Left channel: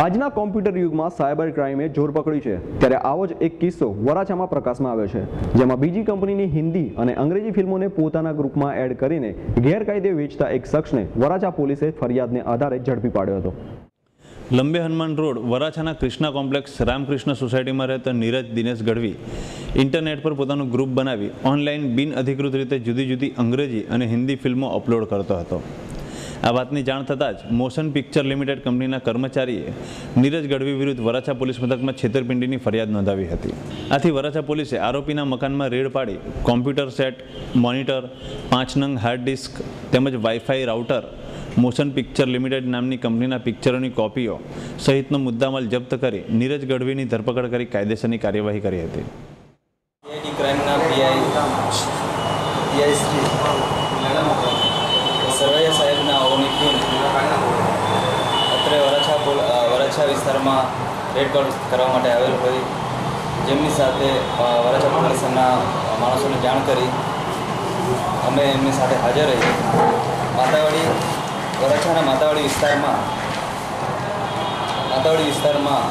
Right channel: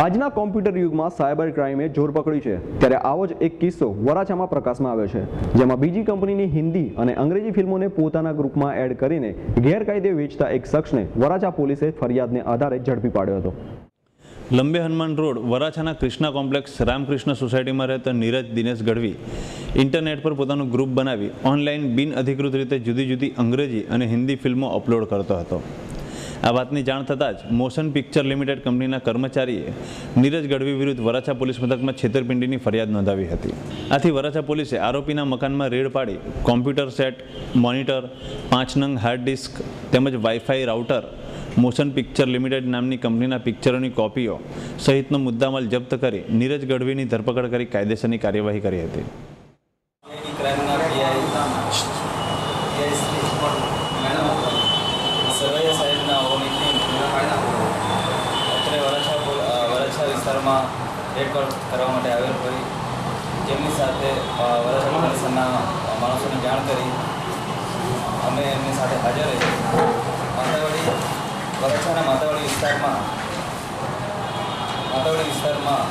આજના કોમ્પ્યુટર યુગમાં સાયબર ક્રાઇમે જોર પકડ્યું છે, ત્યારે આવો જ એક કિસ્સો વરાછામાં પ્રકાશમાં આવ્યો છે, જેમાં બીજી કંપનીની હિન્દી અને અંગ્રેજી ફિલ્મોને પોતાના ગ્રુપમાં એડ કરીને ગેરકાયદે વેચતા એક શખ્સને વરાછા પોલીસે ફરિયાદને આધારે ઝડપી પાડ્યો હતો। લંબે હનુમાન રોડ વરાછાના કૃષ્ણા કોમ્પ્લેક્સ રામકૃષ્ણ સોસાયટીમાં રહેતા નીરજ દિનેશ ગઢવી ઇન્ટરનેટ પર પોતાનું ગ્રુપ બનાવી ઓનલાઈન બિનઅધિકૃત રીતે જુદી જુદી અંગ્રેજી અને હિન્દી ફિલ્મો અપલોડ કરતો હતો। આ વાતની જાણ થતાં જ મોશન પિક્ચર લિમિટેડ કંપનીના કર્મચારીએ નીરજ ગઢવી વિરુદ્ધ વરાછા પોલીસ મથકમાં છેતરપિંડીની ફરિયાદ નોંધાવી હતી। આથી વરાછા પોલીસે આરોપીના મકાનમાં રેડ પાડી કોમ્પ્યુટર સેટ, મોનિટર, 5 નંગ હાર્ડ ડિસ્ક તેમજ wifi router, motion picture limited નામની કંપનીના પિક્ચરોની કોપીઓ સહિતનો મુદ્દામાલ જપ્ત કરી નીરજ ગઢવીની ધરપકડ કરી કાયદેસરની કાર્યવાહી કરી હતી। સરવૈયા સાહેબના ઓની ટીમ અત્રે વરાછા વિસ્તારમાં રેડ કરવા માટે આવેલ હોય, જેમની સાથે વરાછા પોલીસના માણસોને જાણ કરી અમે એમની સાથે હાજર રહી વરાછાના માતાવાડી વિસ્તારમાં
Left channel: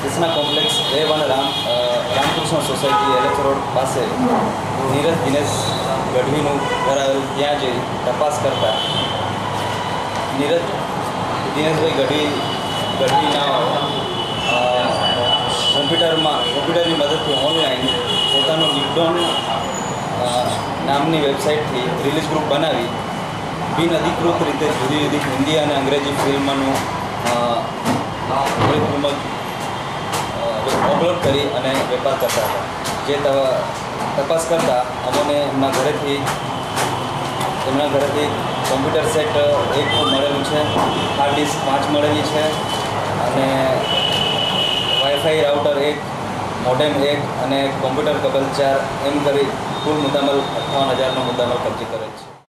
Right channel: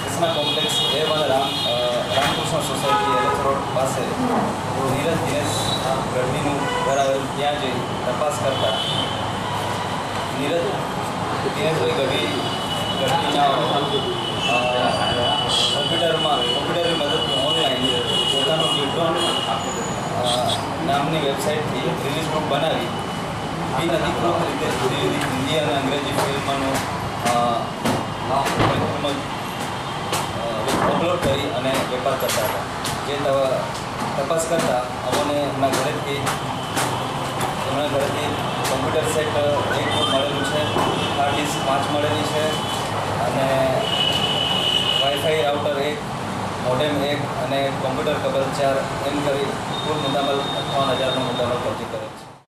Krishna complex A1 Ramakrishna society LH road પાસે નીરજ દિનેશ ગઢવીનું ઘર આવેલ, ત્યાં જઈ તપાસ કરતા દિનેશભાઈ ગઢવીના કોમ્પ્યુટરની મદદથી ઓનલાઈન પોતાનું ગિફ્ટોન નામની વેબસાઇટથી રિલીઝ ગ્રુપ બનાવી બિનઅધિકૃત રીતે જુદી જુદી હિન્દી અને અંગ્રેજી ફિલ્મનું અપલોડ કરી અને વેપાર કરતા હતા। જે તપાસ કરતાં અમને એમના ઘરેથી કોમ્પ્યુટર સેટ 1 મળેલું છે, હાર્ડ ડિસ્ક 5 મળેલી છે અને વાઈફાઈ રાઉટર 1, મોડેમ 1 અને કોમ્પ્યુટર કેબલ 4 એમ કરી કુલ મુદ્દામાલ 58,000નો મુદ્દામાલ કબજે કરેલ છે।